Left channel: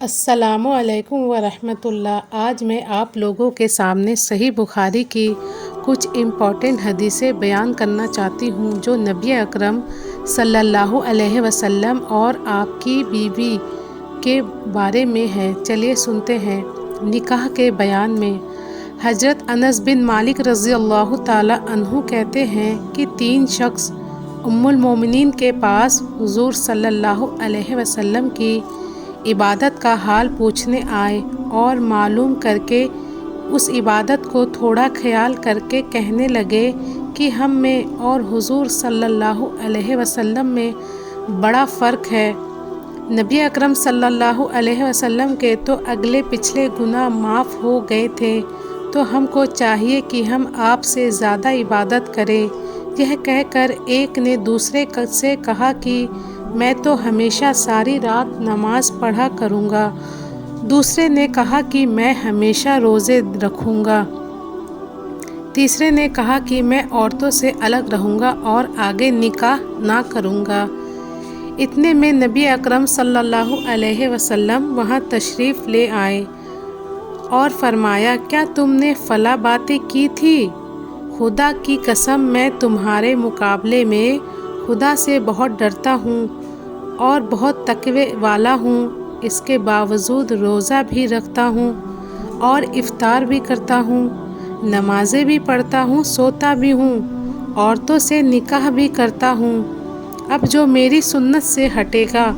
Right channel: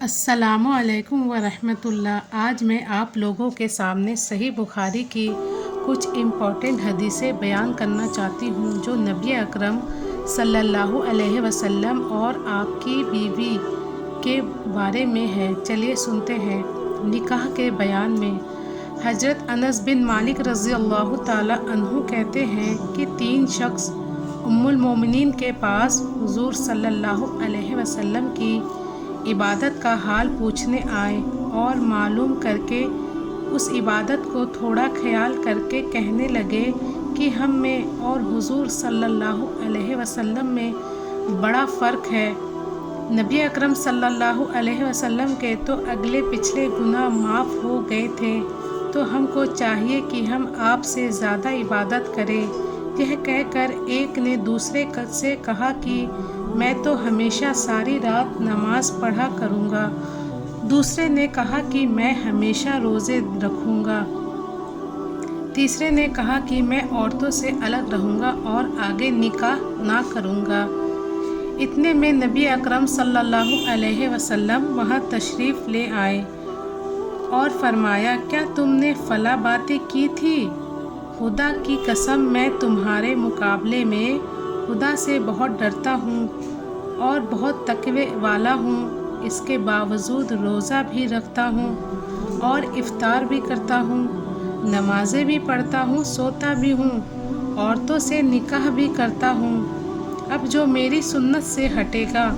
السلام علیکم ورحمۃ اللہ۔ آج میں آپ لوگوں کے سامنے صحیح بخاری کی کچھ امپورٹنٹ حدیثیں بیان کرنا چاہتی ہوں جو نبی اکرم صلی اللہ علیہ وسلم اور آپ کی بیوی کے بارے میں ہے۔ چلیے سنتے ہیں۔ نکاح کے بیان میں حضرت انس بن مالک رضی اللہ تعالی عنہ کہتے ہیں کہ 3 شخص ام المومنین کے پاس حضور صلی اللہ علیہ وسلم کی عبادت کا حال پوچھنے آئے اور معلوم کر کے اس عبادت کو تھوڑا خیال کر کے کہنے لگے کہ ہم میں اور حضور صلی اللہ علیہ وسلم میں بڑا فرق ہے۔ نبی اکرم صلی اللہ علیہ وسلم کے تو اگلے پچھلے گناہ معاف ہو گئے تھے، تو ہم کو چاہیے کہ ہم آپ سے زیادہ عبادت کریں۔ یہ کہہ کر ایک نے دوسرے سے کہا کہ میں تو ہمیشہ ساری رات نماز پڑھا کروں گا۔ دوسرے نے کہا کہ میں ہمیشہ روزے رکھوں گا۔ تیسرے نے کہا کہ میں عورتوں سے الگ رہوں گا اور آگے نکاح نہ کروں گا۔ اتنے میں نبی اکرم صلی اللہ علیہ وسلم وہاں تشریف لے آئے اور فرمایا، کیا تم نے فلاں باتیں کی تھی؟ خدا کی قسم میں تمہارے مقابلے میں خدا سے بہت ڈرتا ہوں اور بہت تقوی والا ہوں، اس کے باوجود روزہ بھی رکھتا ہوں اور افطار بھی کرتا ہوں، نمازیں بھی پڑھتا ہوں، سوتا بھی ہوں، عورتوں سے نکاح بھی کرتا ہوں۔ اب جو میری سنت سے ہٹے گا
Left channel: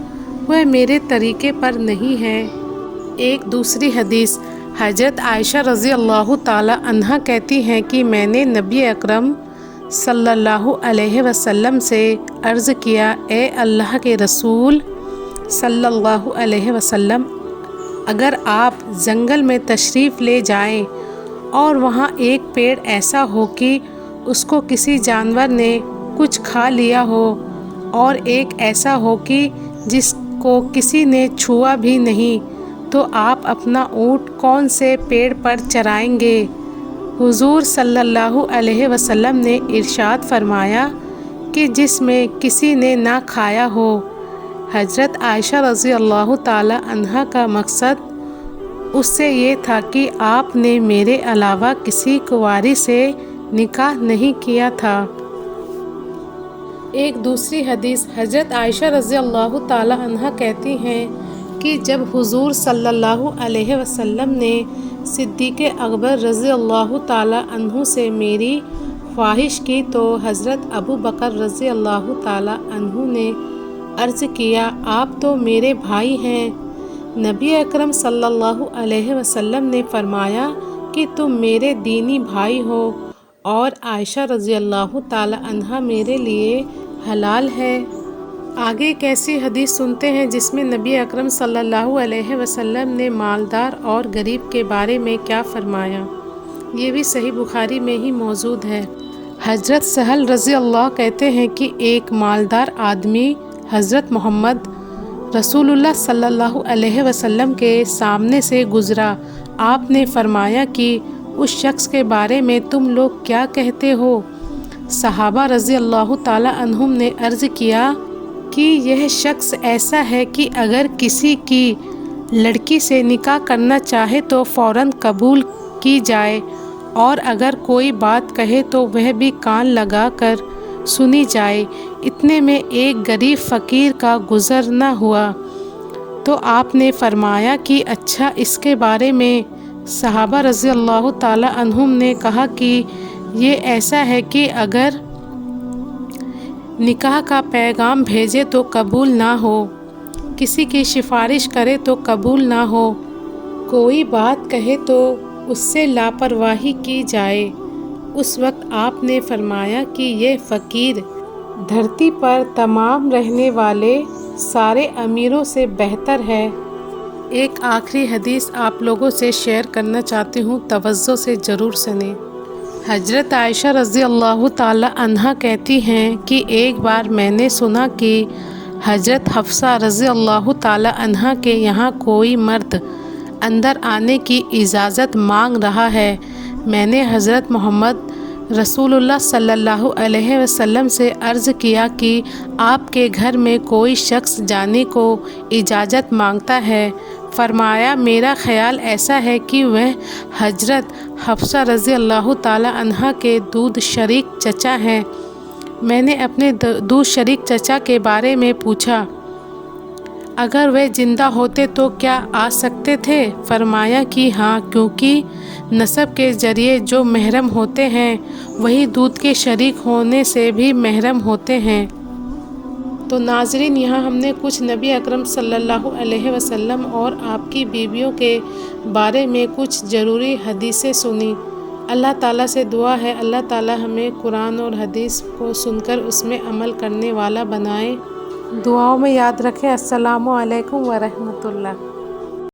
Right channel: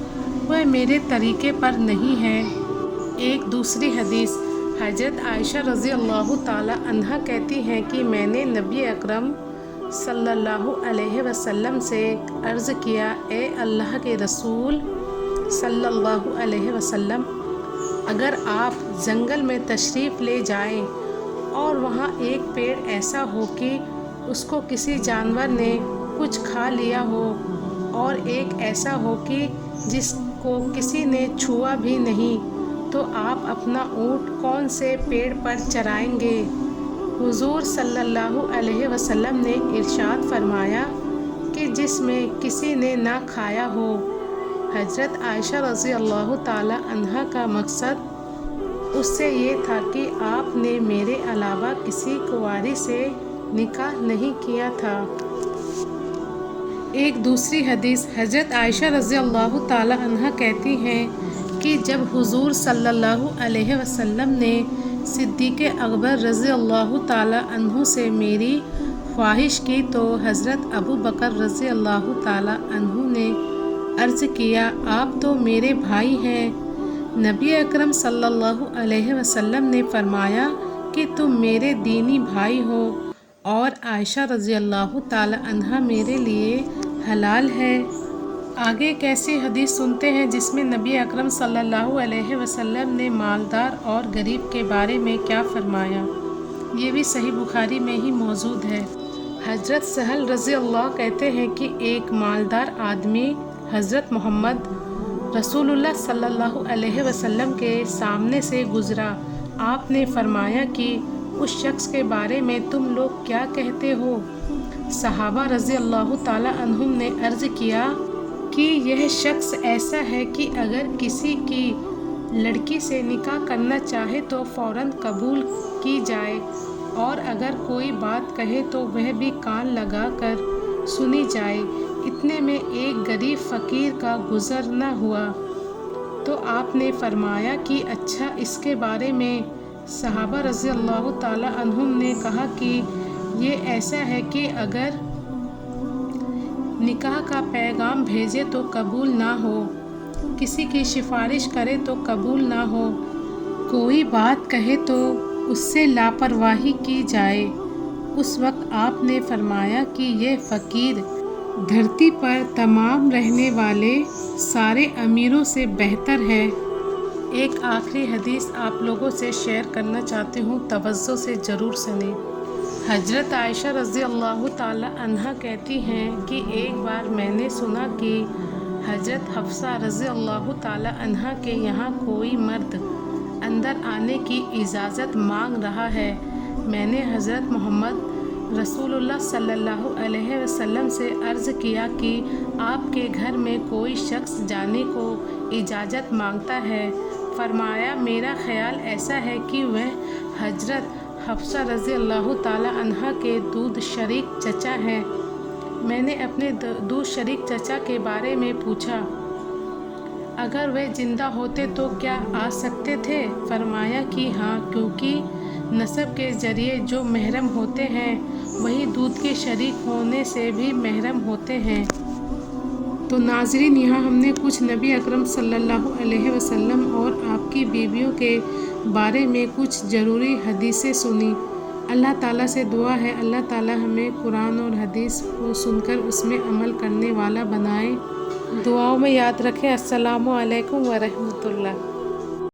وہ میرے طریقے پر نہیں ہے۔ ایک دوسری حدیث حضرت عائشہ رضی اللہ تعالی عنہا کہتی ہیں کہ میں نے نبی اکرم صلی اللہ علیہ وسلم سے عرض کیا، اے اللہ کے رسول صلی اللہ علیہ وسلم، اگر آپ جنگل میں تشریف لے جائیں اور وہاں ایک پیڑ ایسا ہو کہ اس کو کسی جانور نے کچھ کھا لیا ہو اور ایک ایسا ہو کہ جس کو کسی نے چھوا بھی نہیں، تو آپ اپنا اونٹ کون سے پیڑ پر چرائیں گے؟ حضور صلی اللہ علیہ وسلم نے ارشاد فرمایا کہ جس میں کسی نے نہ کھایا ہو۔ حضرت عائشہ رضی اللہ تعالی عنہا کا مقصد اس سے یہ تھا کہ آپ نے میرے علاوہ کسی کنواری سے نکاح نہیں کیا تھا۔ ایک دوسری حدیث حضرت عائشہ رضی اللہ تعالی عنہا کہتی ہیں کہ جب حضور صلی اللہ علیہ وسلم نے صدیق اکبر رضی اللہ تعالی عنہ سے میری خواہش کی تو حضرت ابو بکر رضی اللہ تعالی عنہ نے عرض کیا، آپ تو میرے بھائی ہیں۔ نبی اکرم صلی اللہ علیہ وسلم نے فرمایا کہ تم میرے دینی بھائی ہو اور عائشہ رضی اللہ تعالی عنہا میرے لیے حلال ہے۔ آگے ایک ایسی حدیث سنتے ہیں جس میں نبی اکرم صلی اللہ علیہ وسلم نے مالدار اور غریب کے بارے میں کیا فرمایا، یہ بھی صحیح بخاری میں ہی موجود ہے۔ حضرت سہل رضی اللہ کہتے ہیں کہ ایک مالدار آدمی حضرت محمد رسول اللہ صلی اللہ علیہ وسلم کے سامنے سے گزرا۔ آپ نے فرمایا کہ اس شخص کے بارے میں تم لوگ کیا کہتے ہو؟ صحابہ رضی اللہ تعالی عنہم نے عرض کیا کہ یہ شخص ایسا ہے کہ اگر کسی کی لڑکی سے نکاح کرنا چاہے تو فوراً قبول کی جائے، اور اگر کوئی بات کہے تو وہ بھی کان لگا کر سنی جائے۔ اتنے میں ایک غریب فقیر کا گزرنا ہوا تو آپ نے فرمایا کہ اچھا اس کے بارے میں؟ صحابہ رضی اللہ تعالی عنہم نے کہا کہ یہ ایسا ہے کہ اگر نکاح کا پیغام بھیجے تو قبول نہ ہو، کسی کی سفارش کرے تو قبول نہ ہو، کوئی بات کہے تو اس سے لاپرواہی کی جائے۔ اس وقت آپ نے فرمایا کہ یہ فقیر دھرتی پر تمام رہنے والے سارے امیروں سے بہتر ہے۔ ایک آخری حدیث آپ لوگوں سے شیئر کرنا چاہتی ہوں، توجہ سے ضرور سنیں۔ حضرت عائشہ رضی اللہ تعالی عنہا کہتی ہیں کہ ایک بار میں نے سنا کہ حضرت حفصہ رضی اللہ تعالی عنہا کے یہاں کوئی مرد اندر آنے کی اجازت مانگ رہا ہے۔ میں نے حضرت محمد رسول اللہ صلی اللہ علیہ وسلم سے عرض کیا کہ آپ کے گھر میں کوئی شخص جانے کو اجازت مانگتا ہے۔ فرمایا میرا خیال ایسا ہے کہ وہ حضرت حفصہ رضی اللہ تعالی عنہا کے دودھ شریک چچا ہیں۔ میں نے اپنے دودھ شریک چچا کے بارے میں پوچھا، اگر وہ زندہ ہوتے تو کیا آ سکتے تھے؟ فرمایا کہ ہاں، کیونکہ نسب کے ذریعے جو محرم ہوتے ہیں وہی دودھ کے شریک ہونے سے بھی محرم ہوتے ہیں۔ تو ناظرین، یہاں ہم نے کچھ نبی اکرم صلی اللہ علیہ وسلم اور آپ کی بیویوں کے بارے میں کچھ ضروری حدیثیں سنی۔ اللہ تعالیٰ سے دعا ہے اللہ تعالیٰ ہمیں قرآن اور حدیث کو سن کر اس میں عمل کرنے والا بنائے۔ دعاؤں میں یاد رکھیں۔ السلام علیکم ورحمۃ اللہ۔